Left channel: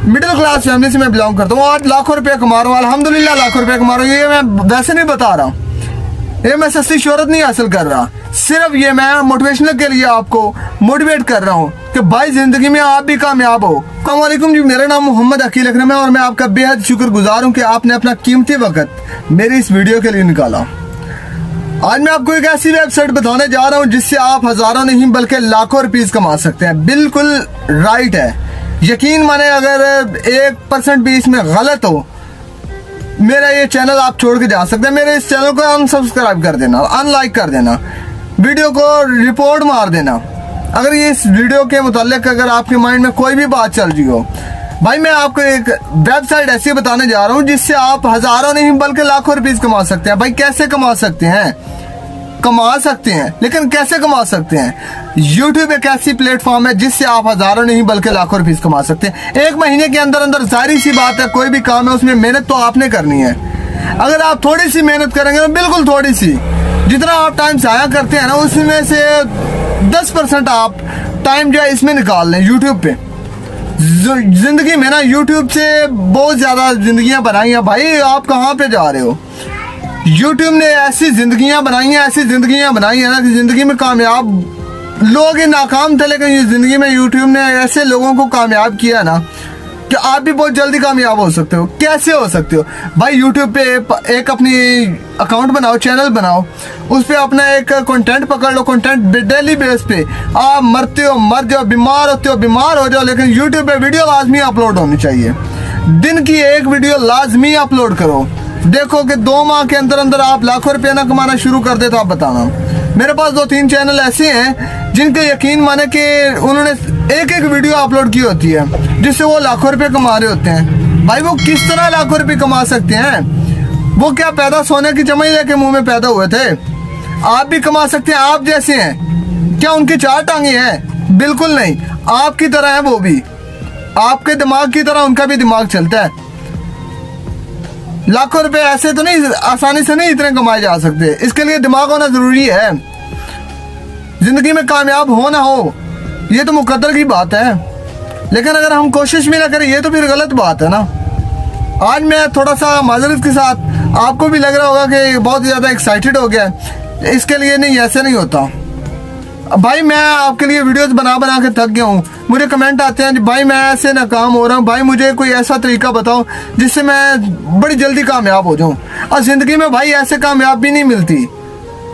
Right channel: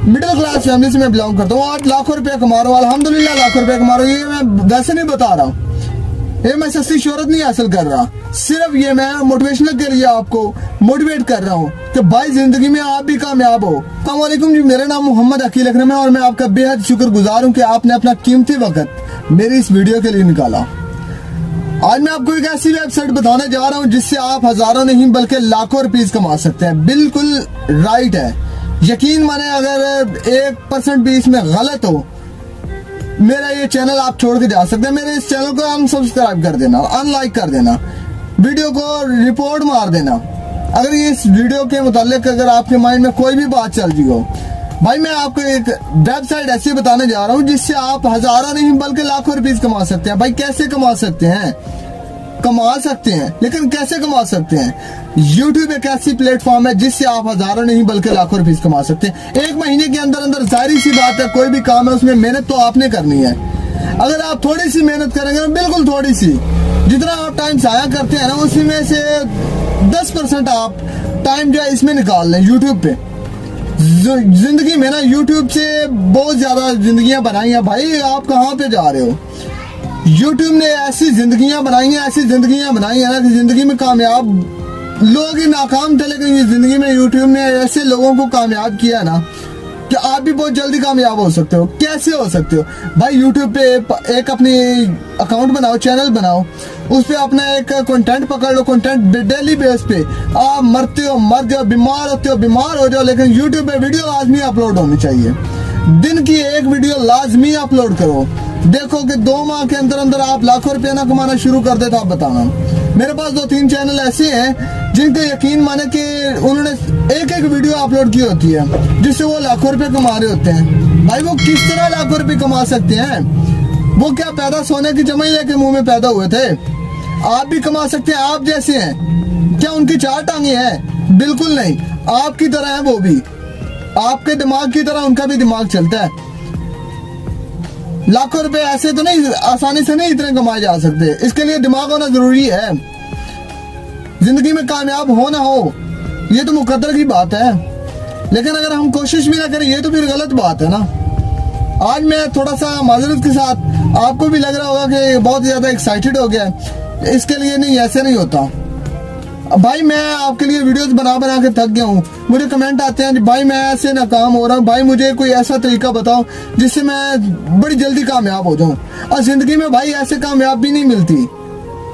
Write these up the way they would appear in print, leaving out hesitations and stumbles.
Middle class family से मैं belong करता हूँ और लाखों रुपए कमा रहा हूँ, अल्हम्दुलिल्लाह लाखों रुपए कमा रहा हूँ। ये मैं वैसे नहीं बता रहा हूँ, ये मैं सस्ती शोहरत नहीं हासिल कर रहा, सिर्फ ये मैं मोटिवेशनल के लिए आपको मोटिवेट कर रहा हूँ कि भाई जिंदगी में आप भी कामयाब हो। अस्सलाम वालेकुम जी, मेरा नाम मोहम्मद अकील अकरम है और मैं आपका बेहद शुक्रगुजार हूँ कि आपने अपना कीमती वक्त मेरी इस वीडियो के लिए निकाला। आज मैं आपको एक ऐसी वेबसाइट बताने जा रहा हूँ जिससे आप हजारों नहीं बल्कि लाखों रुपीस कमा सकते हैं। बिल्कुल राइट है, यकीन माने अगर 1% भी इसमें गलत हो मेरा ये चैनल आप छोड़ के जा सकते हैं। मेरे इस चैनल को अनसब्सक्राइब कर देना, अनलाइक कर देना, वीडियो को रिपोर्ट मार देना अगर ये इस वीडियो के मुतालिक अगर आपके माइंड में कोई भी बात चल रही हो। भाई मैं आपको एक वेबसाइट ऐसी बताने जा रहा हूँ जिससे आप हजारों नहीं बल्कि लाखों रुपीस कमा सकते हैं। भाई कैसे कमा सकते हैं? कमा सकते हैं, लेकिन कैसे कमा सकते हैं? YouTube एक ऐसी प्लेटफॉर्म है जिससे आप हजारों नहीं बल्कि लाखों रुपीस कमा सकते हैं। एक महीने के अंदर अंदर जाहिर सी बात है कोई भी काम है उसमें मेहनत तो आपने करनी है। अगर आप थोड़ी सी मेहनत करेंगे तो बिल्कुल थोड़ी सी, जितना आप टाइम जाया करते हैं ना उसमें से 10% आप टाइम जो है इसमें निकाल लें। YouTube पे जिंदगी में ना YouTube से बहुत ज्यादा जिंदगियां बनाई हैं। भाई आप कहाँ पे जा रहे हो? YouTube ने ऐसी जिंदगियां बनाई हैं, ऐसी जिंदगियां बनाई हैं ना कि जिंदगी में कामयाब लोग ही नाकाम थे, लेकिन ये जिंदगी में YouTube ने ऐसे लोगों को कामयाब किया ना कि आप भी बहुत जल्दी कामयाब हो सकते हो। कैसे हो सकते हो? भाई YouTube पे एक अपनी अकाउंट बनाओ, चैनल बनाओ, उस पे अपना एक कंटेंट पकड़ लो। कंटेंट डेली बेस पे आप मरते हो मर जाओ, बीमार होते हो बीमार हो जाओ, लेकिन YouTube पे वीडियो लाजमी अपलोड होनी चाहिए। दिन की एक वीडियो लाजमी अपलोड करो। देखो कि 2 माह के अंदर अंदर आप लाखों रुपया ना कमाना शुरू कर दे तो आप बताना। मेरे पास 2-3 चैनल ऐसे हैं जिनके यकीन माने कि उन्होंने एक वीडियो अपलोड की होती है जिससे वो लाखों रुपए कमा रहे होते हैं। भाई वो किस तरह लाखों रुपए कमा सकते हैं? वो क्या पैदा सोने की चमई लेके मुंह में पैदा हुए थे? आप भी कमा सकते हैं, आप जैसे हैं। क्या उनकी 4 टांगे हैं? बिल्कुल नहीं, आपकी तरह है वो भी। आपके दिमाग की तरह उनका भी दिमाग चलता है। लाखों रुपए ऐसे तो नहीं आसानी से नहीं इतने कमाए जा सकते, इसके लिए दिमाग होना जरूरी है। जिंदगी में कामयाब हो ना हो ये तो मुकद्दर की बात है, लेकिन अगर हम कोशिश भी ना करें ये तो फिर गलत बात है ना। आज मैं थोड़ा सा माजरत के साथ, आपको भी लग रहा होगा कि बहुत ज्यादा एक्साइटेड हो गया, इसके लिए नहीं, ऐसे नहीं होता। भाई मैं आपके लिए वीडियोस बना बना के थक गया हूँ। मुझे कमेंट आते हैं भाई मैं ऐसे नाकाम हो रहा हूँ, भाई मुझे कोई ऐसा तरीका बताओ जिससे मैं बड़ी जल्दी कामयाब हो जाऊँ। और जिंदगी में भाई ऐसे कामयाब भी नहीं मिलती,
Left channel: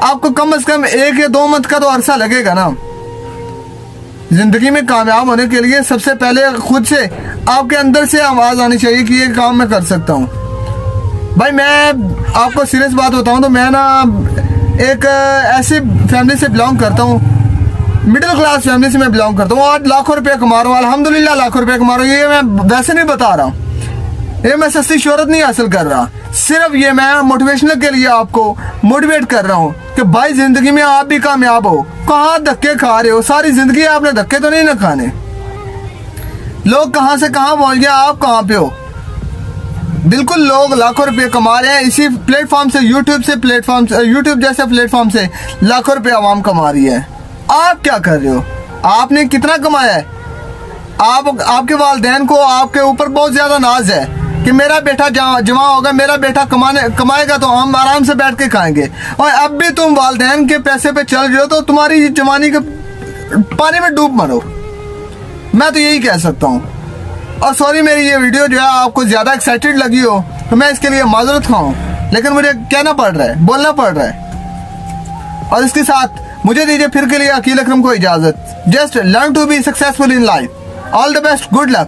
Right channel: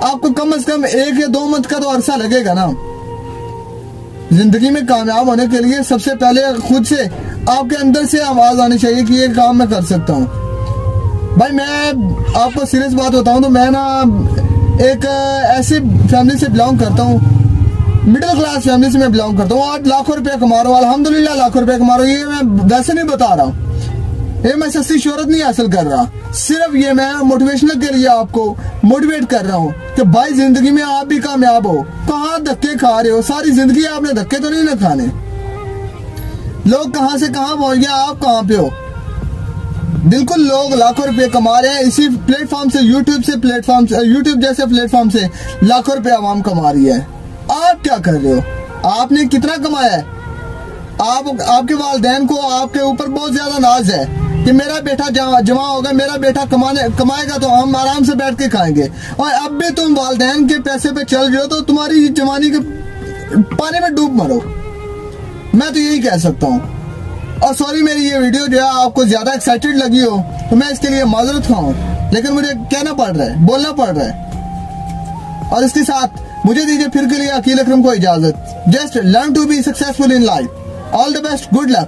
आपको कम से कम 1 या 2 मंथ का तो अरसा लगेगा ना। जिंदगी में कामयाब होने के लिए सबसे पहले खुद से आपके अंदर से आवाज आनी चाहिए कि ये काम मैं कर सकता हूँ। भाई मैं आपको सीरियस बात बताऊँ तो मैं ना एक ऐसी फैमिली से बिलोंग करता हूँ, मिडिल क्लास फैमिली से मैं बिलोंग करता हूँ और लाखों रुपया कमा रहा हूँ, अल्हम्दुलिल्लाह लाखों रुपया कमा रहा हूँ। ये मैं वैसे नहीं बता रहा हूँ, ये मैं सस्ती शोहरत नहीं हासिल कर रहा, सिर्फ ये मैं मोटिवेशनल के लिए आपको मोटिवेट कर रहा हूँ कि भाई जिंदगी में आप भी कामयाब हो। कहाँ धक्के खा रहे हो? सारी जिंदगी आपने धक्के तो नहीं ना खाने। लोग कहाँ से कहाँ पहुंच गया, आप कहाँ पे हो? बिल्कुल लोग लाखों रुपए कमा रहे हैं इसी प्लेटफॉर्म से, यूट्यूब जैसे प्लेटफॉर्म से लाखों रुपए आवाम कमा रही है। आप क्या कर रहे हो? आपने कितना कमाया है? आपके वालिदैन को आपके ऊपर बहुत ज्यादा नाज है कि मेरा बेटा जमा होगा, मेरा बेटा कमाएगा तो हम आराम से बैठ के खाएंगे। और अब भी तुम वालिदैन के पैसे पे चल रहे हो तो तुम्हारी जवानी के पानी में डूब मरो, मैं तो यही कह सकता हूँ। और सॉरी मेरी ये वीडियो जो है आपको ज्यादा एक्साइटेड लगी हो तो मैं इसके लिए माजरत खाऊं, लेकिन मुझे कहना पड़ रहा है, बोलना पड़ रहा है। और इसके साथ मुझे दीजिए फिर के लिए अकील अकरम को इजाजत। Just learn to be successful in life. All the best, good luck.